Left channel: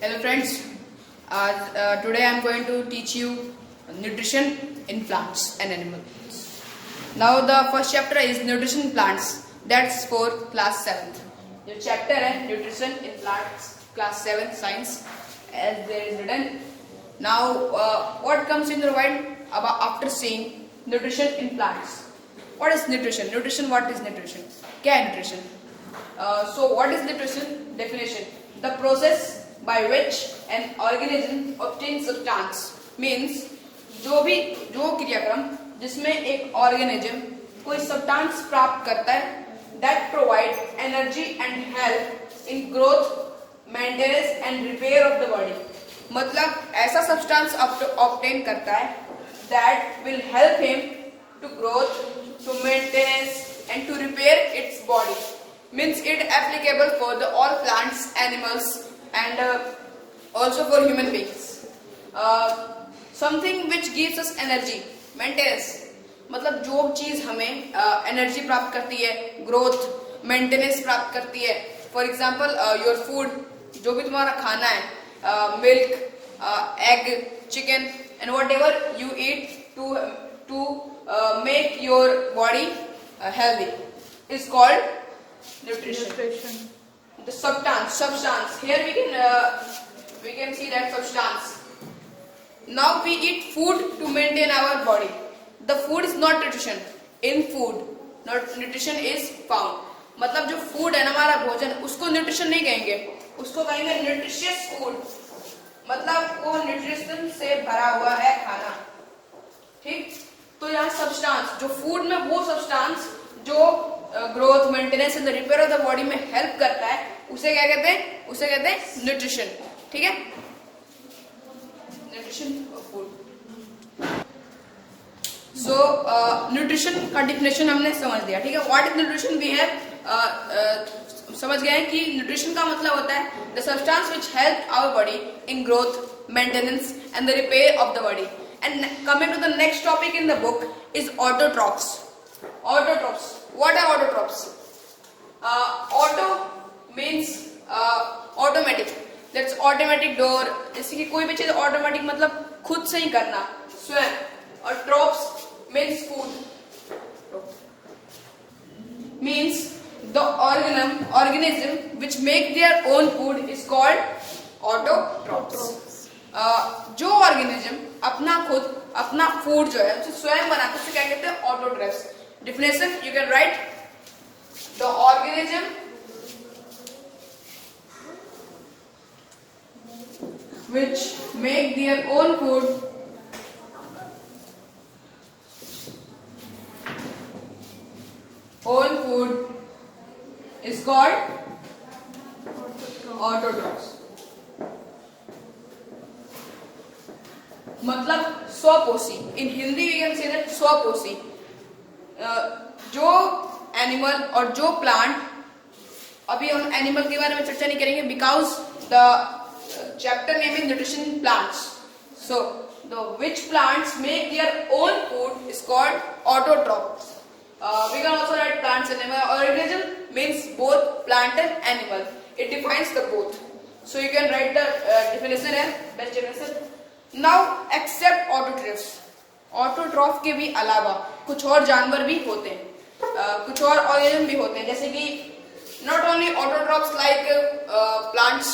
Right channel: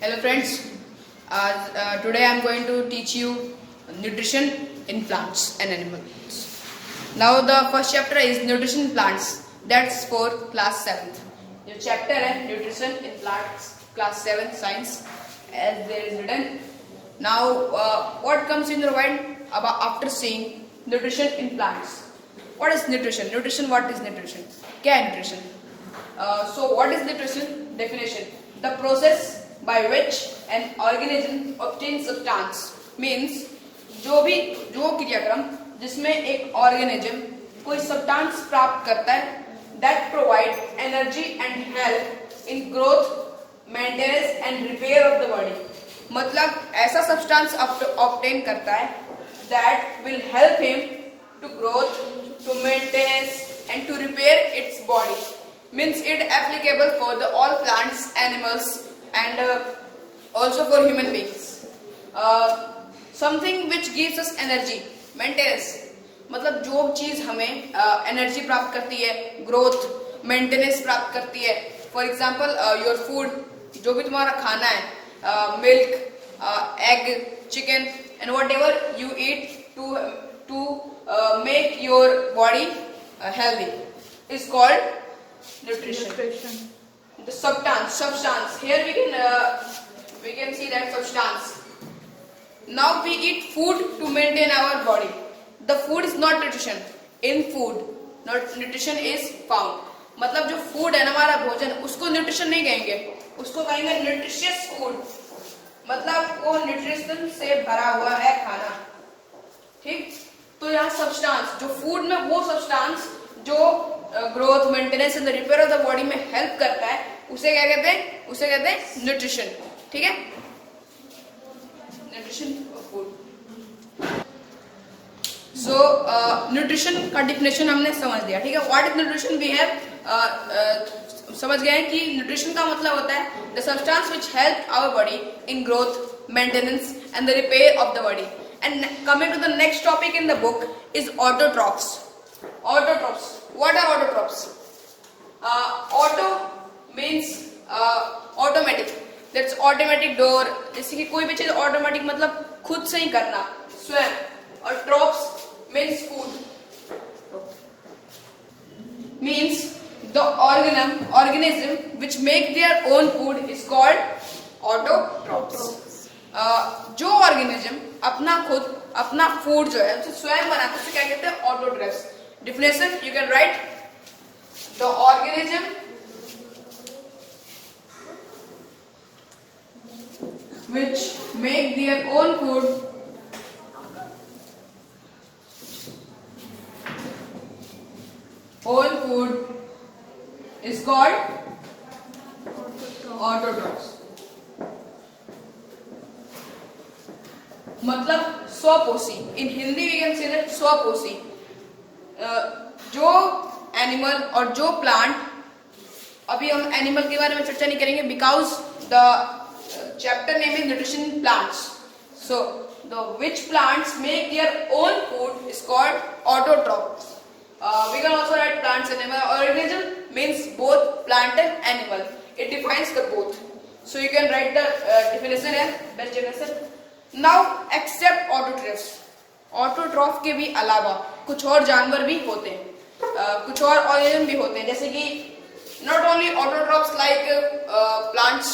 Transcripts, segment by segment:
Hello friends, today I am going to teach you nutrition in plants and animals. Now the first chapter is nutrition in plants, that's for class 7th. Your chapter है nutrition in plants, class 7 science, as there is written. Now what comes in your mind about after seeing nutrition in plants? What is nutrition? What is nutrition? क्या है nutrition? So what is nutrition? Definition: the process by which an organism obtains substance means जो क्रियाक्रम जिसमें एक ऑर्गेनिज्म कोई सब्सटेंस प्राप्त करता है that provide energy and help in growth, maintenance and repair of the body. मतलब ऐसा सब्सटेंस obtain करता है that will help him to growth, to maintenance and to repair its body. Means it applicable for the all plants, animals and also for human beings. Something which gives us energy, maintenance, मतलब जो चीज हमें एनर्जी प्राप्त करती है, growth, maintenance प्राप्त करती है. फॉर एग्जांपल योर फूड, जो भी तुम्हारा खाना है, milk, egg, chicken and whatever you eat to make your body healthy is called nutrition. The substance. Here we can see that substance. Now we eat food to maintain our body. The food is not nutrition. In food, not nutrition is found. मतलब जो food है ना, हमारा भोजन, उसको nutrition नहीं कहेंगे, उसको कहेंगे nutritious food. मतलब वो nutrition से भरा हुआ है खाना. ठीक? तो यहाँ substance, जो food में वो substance जो growth, maintenance and repair of the body में हेल्प करता है, उसे क्या कहते हैं? उसे कहते हैं न्यूट्रिशन. ठीक है, nutrition of food. So nutrition का डिफिनेशन हमने समझ लिया. ठीक है, what is nutrition we have समझ गए कि न्यूट्रिशन का मतलब होता है the substance which help our body in growth, maintenance and the repair of the body. And coming to the next topic in the book is autotrophs. Autotrophs. What are autotrophs? Auto means automatic. That's automatic door. जैसे कि कोई भी चीज automatic मतलब खुद से ही करना, स्वयं. और trophs means food. Means the organism which make their own food is called autotrophs. जो ऑर्गेनिज्म अपना फूड जो है उसे स्वयं बनाते हैं, उसे क्या कहते हैं? Autotrophs. Definition you can write: the organism which make their own food is called autotrophs. मतलब स्वपोषी. In Hindi we can say that स्वपोषी. जो एनिमल और जो प्लांट, अभी हम एनिमल के बारे में चर्चा नहीं करेंगे because the chapter name is nutrition in plants. So the which plants make their own food is called autotrophs. We can also write plants and animal. Organism means both plant and animal. It defines the both. So you can write the definition and best definition. Now except autotrophs. Autotroph के भी अलावा कुछ और जानवर भी होते हैं, कुछ और ऑर्गेनिज्म भी होते हैं, जैसे कि not only autotrophs like plants,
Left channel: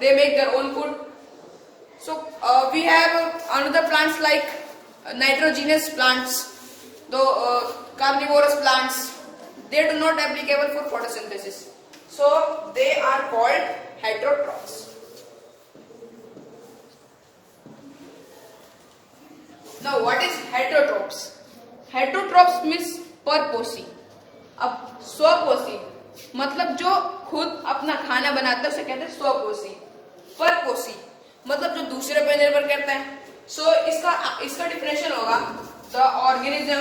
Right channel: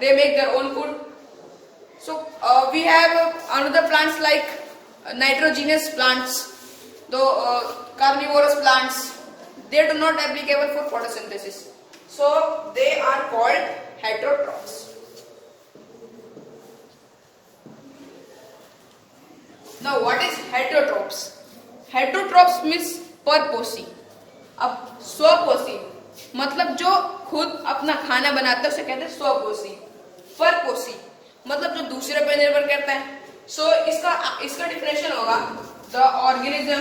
they make their own food. So we have another plants like nitrogenous plants, though carnivorous plants, they do not applicable for photosynthesis, so they are called heterotrophs. Now what is heterotrophs? Heterotrophs means परपोषी. अब स्वपोषी मतलब जो खुद अपना खाना बनाता है उसे कहते हैं स्वपोषी. परपोषी मतलब जो दूसरे पर निर्भर करता है. सो इसका डिफिनेशन होगा the organism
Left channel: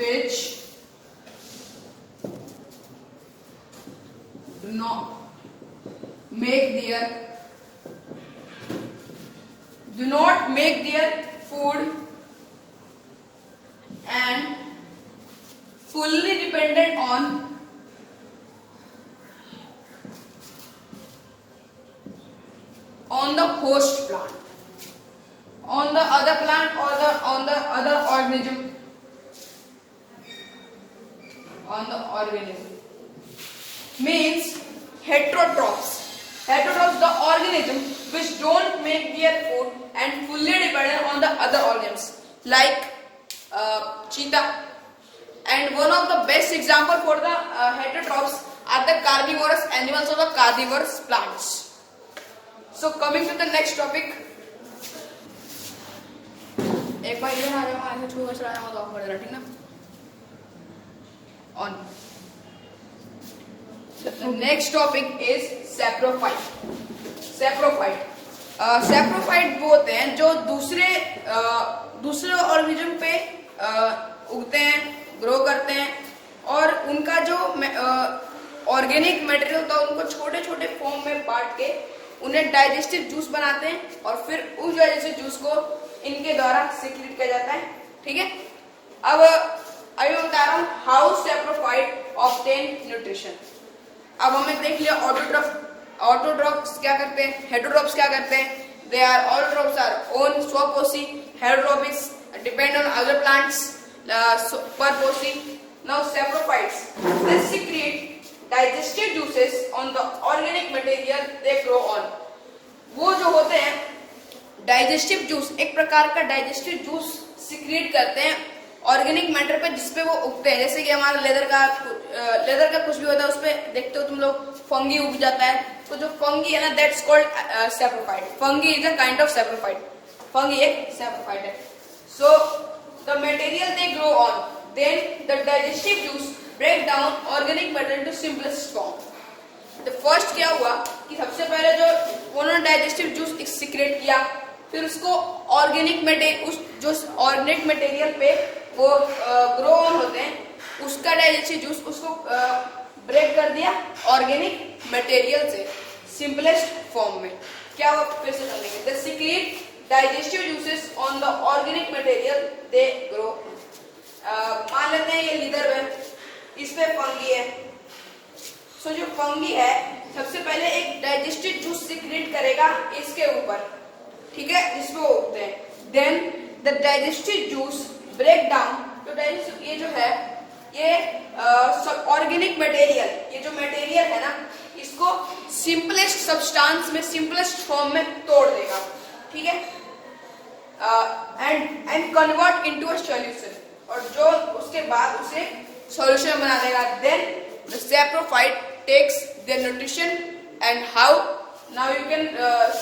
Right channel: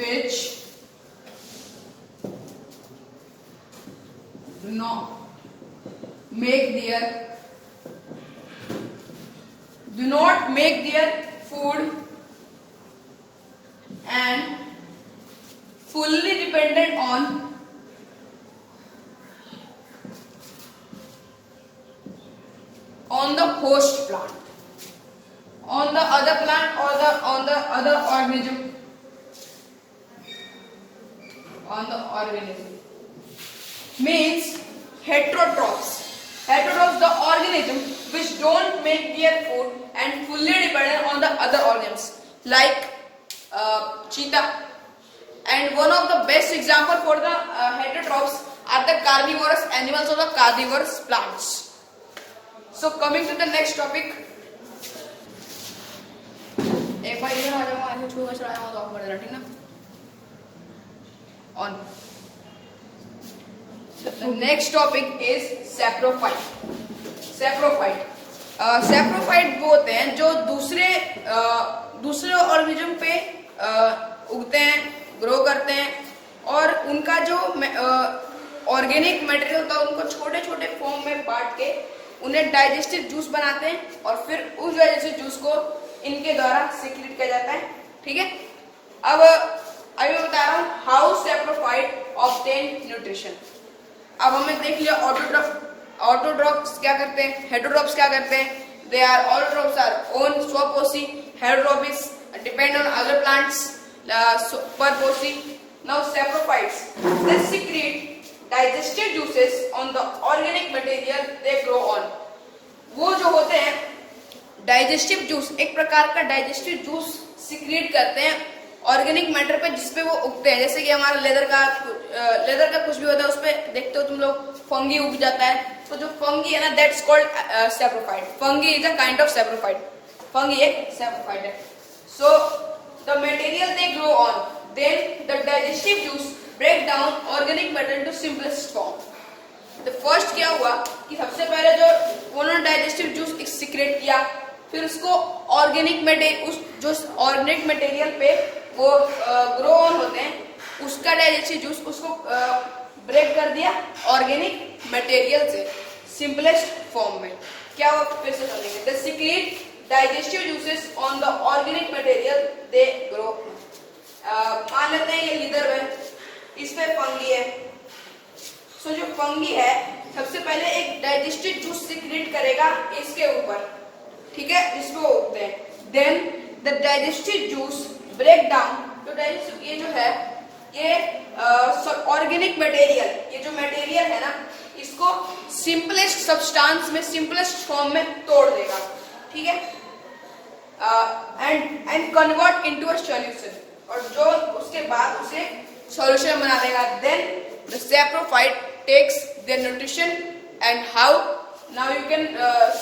which do not make their food and fully dependent on on the host plant, on the other plant or on the other organism, on the organism means heterotrophs. Heterotrophs, the organism which don't make their food and fully dependent on the other organisms like cheetah. And one of the best example for the heterotrophs are the carnivorous animals or the carnivorous plants. So coming to the next topic. एक बार ये आगे छू कर चलाना हो तो ऑफ कर देना, ठीक ना? On. The next topic is saprophyte. Saprophyte. Saprophyte वो होते हैं जो दूसरे ऑर्गेनिज्म पे उगते हैं, ग्रो करते हैं और उनका जो ऑर्गेनिक मटेरियल होता है उनको छोटे छोटे फॉर्म में बांट के उन्हें डाइजेस्टिव जूस बनाते हैं और फिर उस डाइजेस्टिव जूस को इनके द्वारा सिक्रीट किया जाता है, ठीक है? अब अभी मैं बता रहा हूँ हाउ सैप्रोफाइट ऑब्टेन न्यूट्रिशन. अब हमें देख लिया ऑटोट्रॉफ्स क्या करते हैं, हेटेरोट्रॉफ्स क्या करते हैं. They are autotrophs are own स्वपोषी, heterotrophs depend on other plants परपोषी. Now saprophytes they secrete digestive juices on the organic material they grow on. वो जो होते हैं डाइजेस्टिव जूस, एक प्रकार का डाइजेस्टिव जूस सीक्रेट करते हैं ऑर्गेनिक मैटर पे जिसपे वो उगते हैं. जैसे कि हमारा लेदर का कुछ भी होता है उस पे देखते हो तुम लोग फंगी उग जाता है, तो जो फंगी है ना that's called saprophyte. Fungi is a kind of saprophyte. Fungi एक सैप्रोफाइट है. So the material they grow on, then the digestive juice break down organic matter into simplest form. तो फर्स्ट क्या हुआ कि सबसे पहले जो उन्होंने डाइजेस्टिव जूस सीक्रेट किया, फिर उसको ऑर्गेनिक मटेरियल पे वो ग्रो ऑन होते हैं, उसका डाइजेस्टिव जूस उसको ब्रेक कर दिया ऑर्गेनिक मटेरियल से सिंपलेस्ट फॉर्म में. क्या हुआ फिर से समझेंगे. The secret digestive juices on the organic material they grow. मान लेते हैं ये लीदर है, इस पे फंगी है. सो जो फंगी है सबसे पहले एक डाइजेस्टिव जूस सीक्रेट करेगा इसके ऊपर, ठीक है, जिसको उगते हैं. Then the digestive juice break down. तो डाइजेस्टिव ये जो है ये ऑर्गेनिक मटेरियल, ये जो मटेरियल है ना इसको सिंपलेस्ट सब्सटेंस में, सिंपलेस्ट फॉर्म में तोड़ देगा, ठीक है, and convert into a solution. और जो उसके बाद उसे सॉल्यूशन बना देगा. Then the saprophyte takes their nutrition and how. Now you can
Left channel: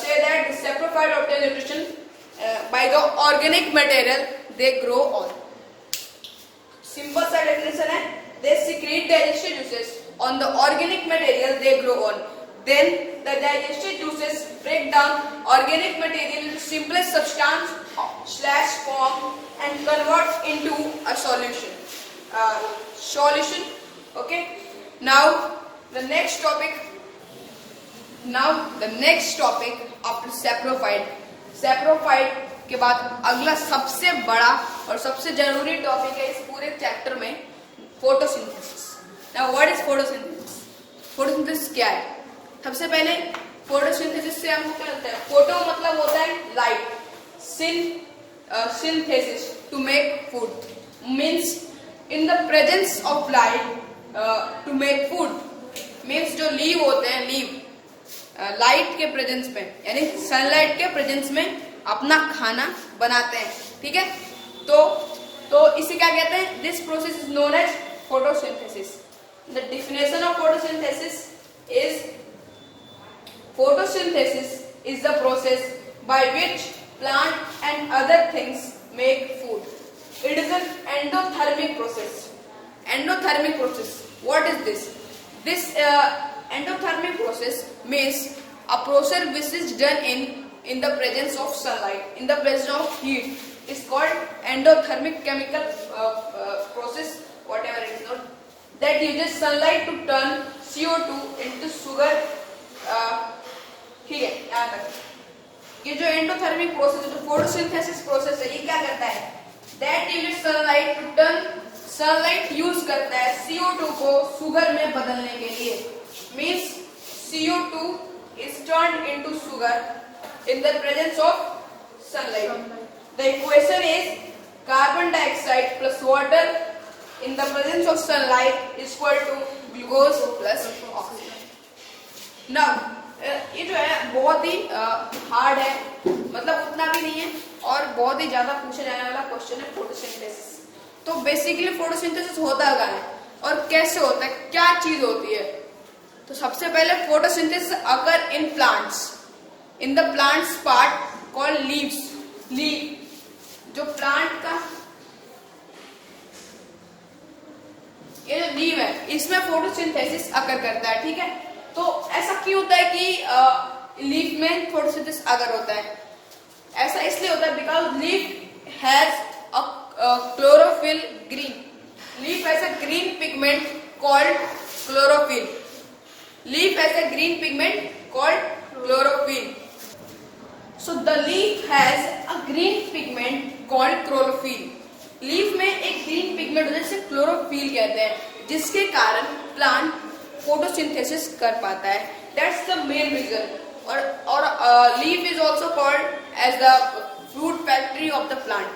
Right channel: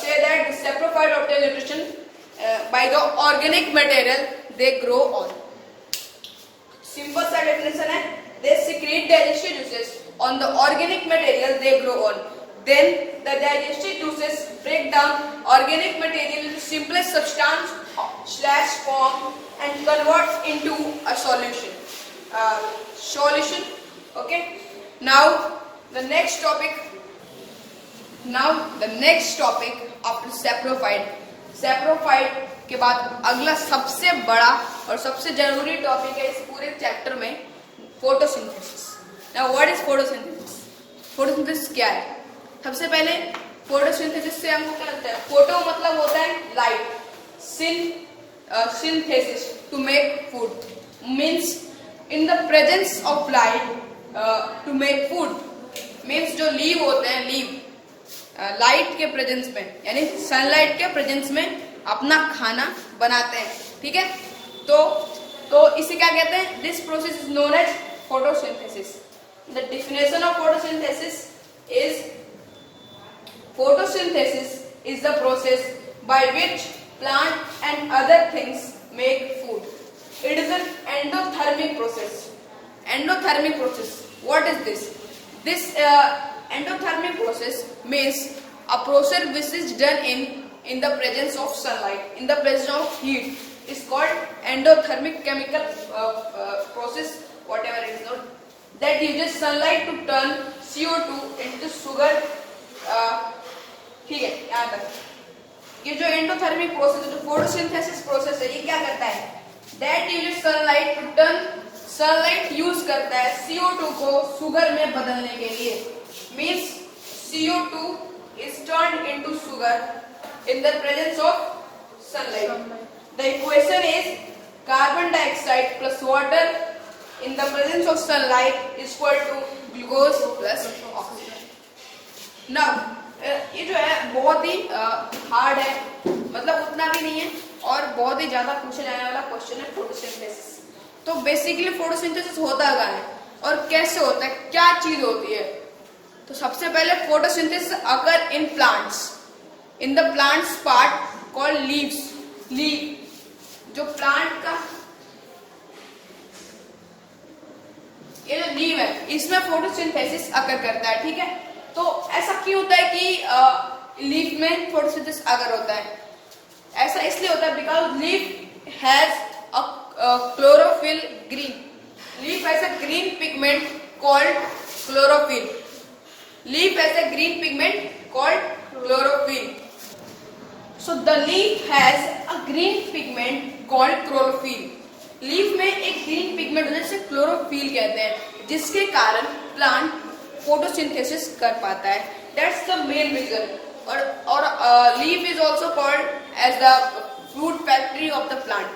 say that the saprophyte obtain nutrition by the organic material they grow on. Simple सा definition है. They secrete digestive juices on the organic material they grow on. Then the digestive juices break down organic material into simplest substance / form and convert into a solution. Okay. Now the next topic after saprophyte. Saprophyte के बाद अगला सबसे बड़ा और सबसे जरूरी टॉपिक है इस पूरे चैप्टर में, photosynthesis. Now what is photosynthesis? Photosynthesis क्या है? सबसे पहले फोटोसिंथेसिस से हमको क्या लगता है? फोटो मतलब होता है light, synthesis to make food means in the presence of light to make food. Means जो लीव होते हैं, लीव लाइट के प्रेजेंस में यानी सनलाइट के प्रेजेंस में अपना खाना बनाते हैं, ठीक है. तो इसे क्या कहते हैं? This process is known as photosynthesis. The definition of photosynthesis is the process by which plant and other things make food. It is an endothermic process. Endothermic process. What is this? This endothermic process means a process which is done in the presence of sunlight, in the presence of heat. It's called endothermic chemical process, whatever it is called, that uses sunlight to turn CO2 into sugar. ठीक है, यहाँ तक. ये जो endothermic process, जो photosynthesis process है, ये क्या करता है? That uses sunlight to turn. Sunlight use करता है CO2 को शुगर में बदलने के लिए. Means CO2 is turned into sugar in the presence of sunlight. The equation is carbon dioxide plus water in the presence of sunlight is equal to glucose plus oxygen. Now ये जो है बहुत ही हार्ड है, मतलब उतना भी नहीं है और बहुत ही ज्यादा पूछा जाने वाला क्वेश्चन है फोटोसिंथेसिस। तो बेसिकली फोटोसिंथेसिस होता क्या है और कैसे होता है, क्या चीज होती है? तो सबसे पहले फोटोसिंथेसिस अगर in plants, in the plants part called leaves. Leave जो प्लांट का ये जो लीव है इसमें फोटोसिंथेसिस अकर करता है, ठीक है। तो ऐसा क्यों होता है कि लीफ में फोटोसिंथेसिस अगर होता है? ऐसा इसलिए होता है because leaf has a chlorophyll green. Leaf has a green pigment called chlorophyll. Leaf has a green pigment called chlorophyll. So the leaf has a green pigment called chlorophyll. Leaf में एक ग्रीन पिगमेंट होता है जिसे क्लोरोफिल कहते हैं, जिसके कारण plant photosynthesis कर पाता है। That's the main reason. और leaf is also called as the food factory of the plant.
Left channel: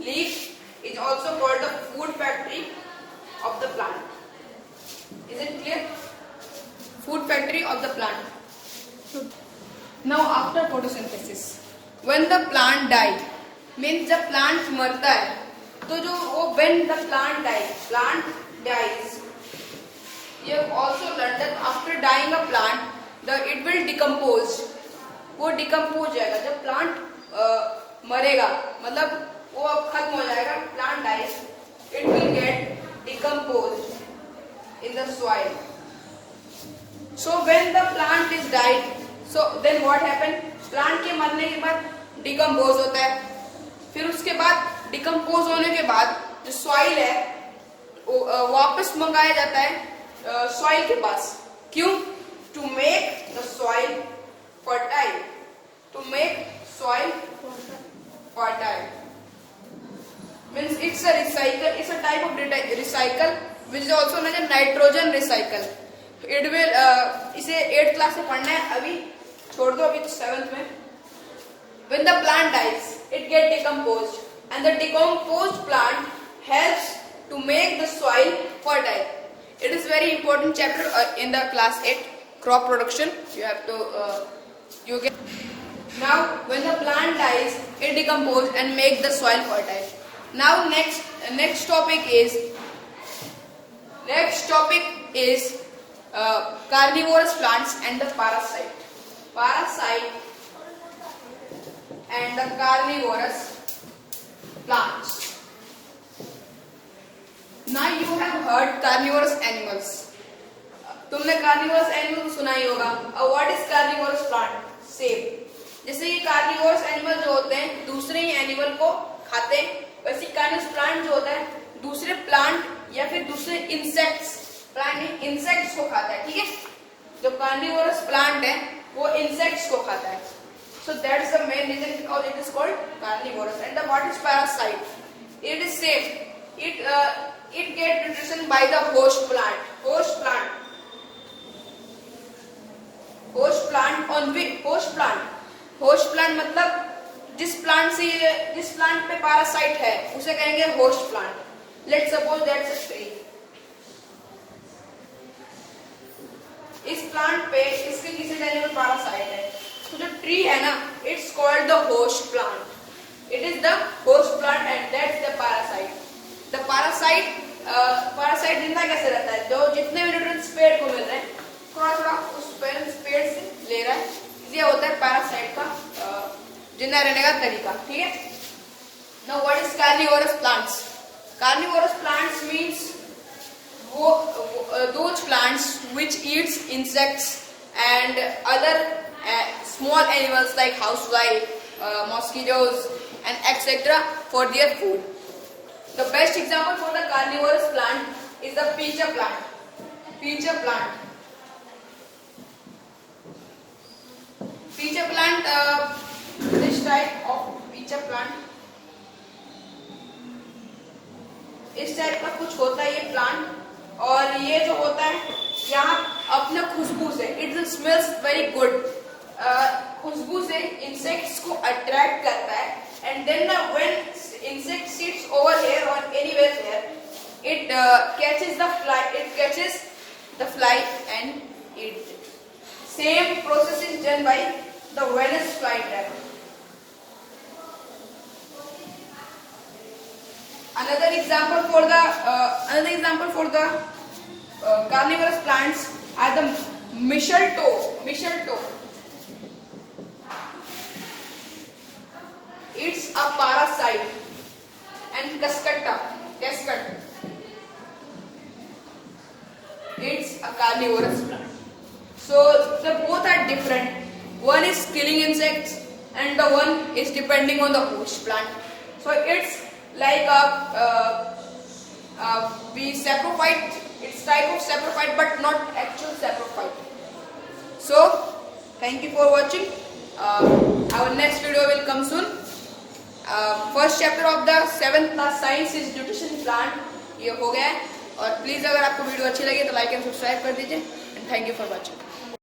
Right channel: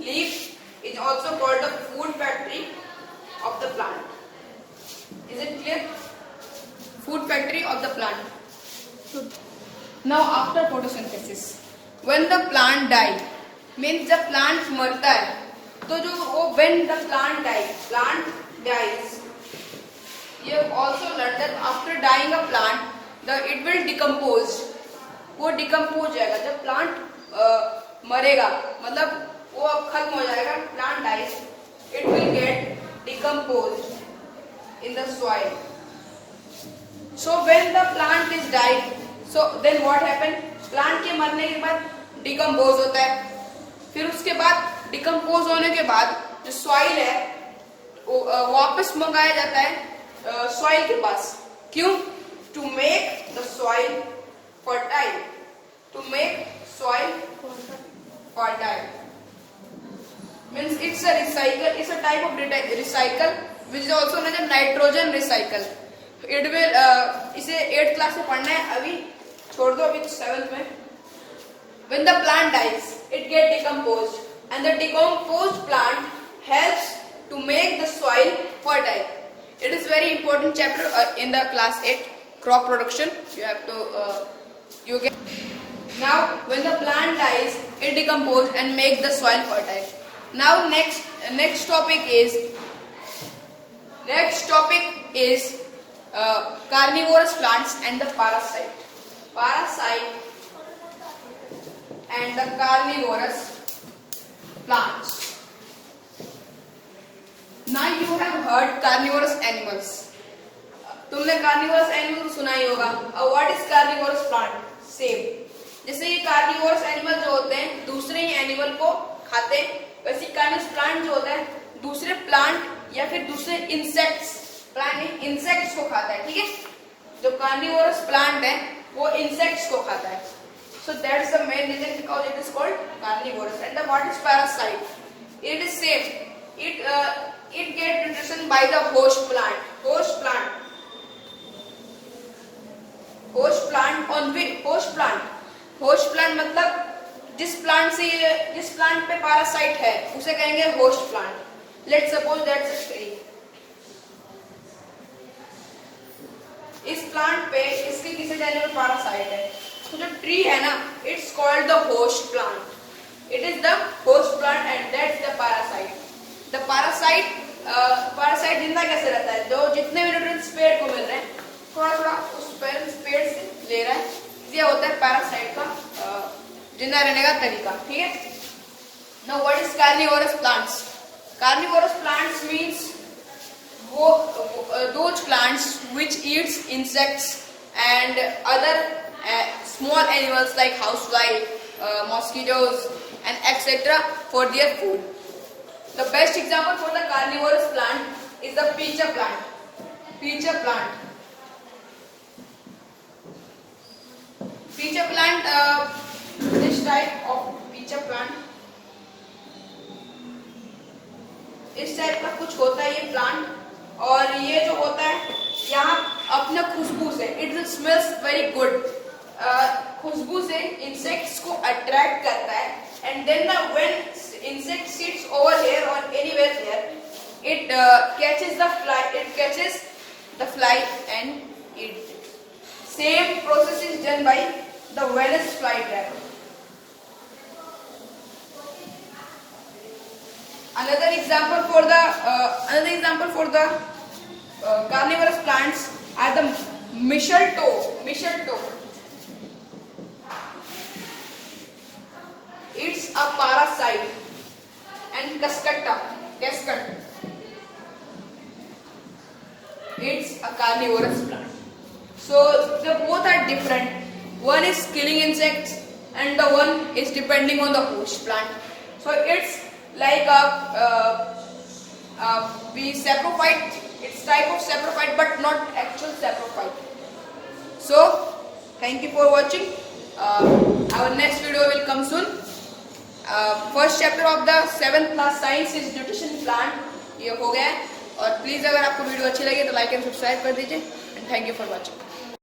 Leaf is also called the food factory of the plant. Is it clear? Food factory of the plant. Now after photosynthesis when the plant die, means जब plant मरता है तो जो वो when the plant dies, you have also learned that after dying a plant it will decompose। वो डिकम्पोज जाएगा जब प्लांट मरेगा, मतलब वो अब खत्म हो जाएगा। Plant dies, it will get decompose in the soil. So when the plant is died, so then what happen? Plant के मरने के बाद डिकम्पोज होता है। फिर उसके बाद डिकम्पोज होने के बाद जो सॉइल है वो वापस मंगाया जाता है सॉइल के पास। क्यों? To make the soil fertile. To make soil fertile means it's a recycle, it's a type of recycle which is also known as nitrogen recycle. It will इसे 8th क्लास में पढ़ना है, अभी छोड़ दो, अभी 7th में। When the plant dies, it gets decomposed, and the decomposed plant helps to make the soil fertile. It is very important chapter in the class 8 crop production. You have to you get. Now when the plant dies, it decomposes and make the soil fertile. Now next topic is carnivorous plants and the parasite and the carnivorous plants. Now you have heard carnivorous animals. तुमने carnivorous animal सुना ही होगा। What is carnivorous plant? Same. जैसे ये carnivorous animal जो होते हैं दूसरे ही एनिमल को खाते हैं, वैसे carnivorous plant जो होता है दूसरे प्लांट या फिर दूसरे इंसेक्ट्स को खाता है, ठीक है। जो carnivorous plant है वो इंसेक्ट्स को खाता है। So that's the main reason because it is called carnivorous. And what is parasite? It is same. It get nutrition by the host plant. Host plant मतलब जिस प्लांट पे पैरासाइट है उसे कहेंगे host plant. Let's suppose that's a tree. इस प्लांट पे इसके किसी जाने में पैरासाइट है, तो जो ट्री है ना, it's called the host plant. It is the host plant and that's the parasite. The parasite जिंदा कैसे रहता है? जो जितने भी न्यूट्रिएंट्स पेड़ को मिल रहे हैं थोड़ा थोड़ा उस पेड़ से ले रहा है। ये होता है पैरासाइट का जिंदा रहने का तरीका, ठीक है। Now what is carnivorous plants? Carnivorous plants means those plants which eats insects and other small animals like housefly, mosquitoes and etc. for their food. The best example for the carnivorous plant is the peach plant. Peach plant, this type of peach plant, इस टाइप का कुछ होता है ये प्लांट। और ये जो होता है यहाँ अपना खुशबू से इट स्मेल्स वेरी गुड। खुशबू से इंसेक्ट्स को अट्रैक्ट करता है, and then when insect sits over here और anywhere here, it catches the fly and eats it. Same process is done by the Venus flytrap. Another example for the carnivorous plants are the mistletoe. It's a parasite, and cascade. It's a carnivorous plant. So the both are different. One is killing insects and the one is depending on the host plant. So it's like we saprophyte. It's type of saprophyte but not actual saprophyte. So thank you for watching. Our next video will come soon. First chapter of the 7th class science is nutrition plant. ये हो गया है. और प्लीज़ अगर आपको वीडियो अच्छी लगे तो लाइक एंड सब्सक्राइब कर दीजिए, and thank you for watching.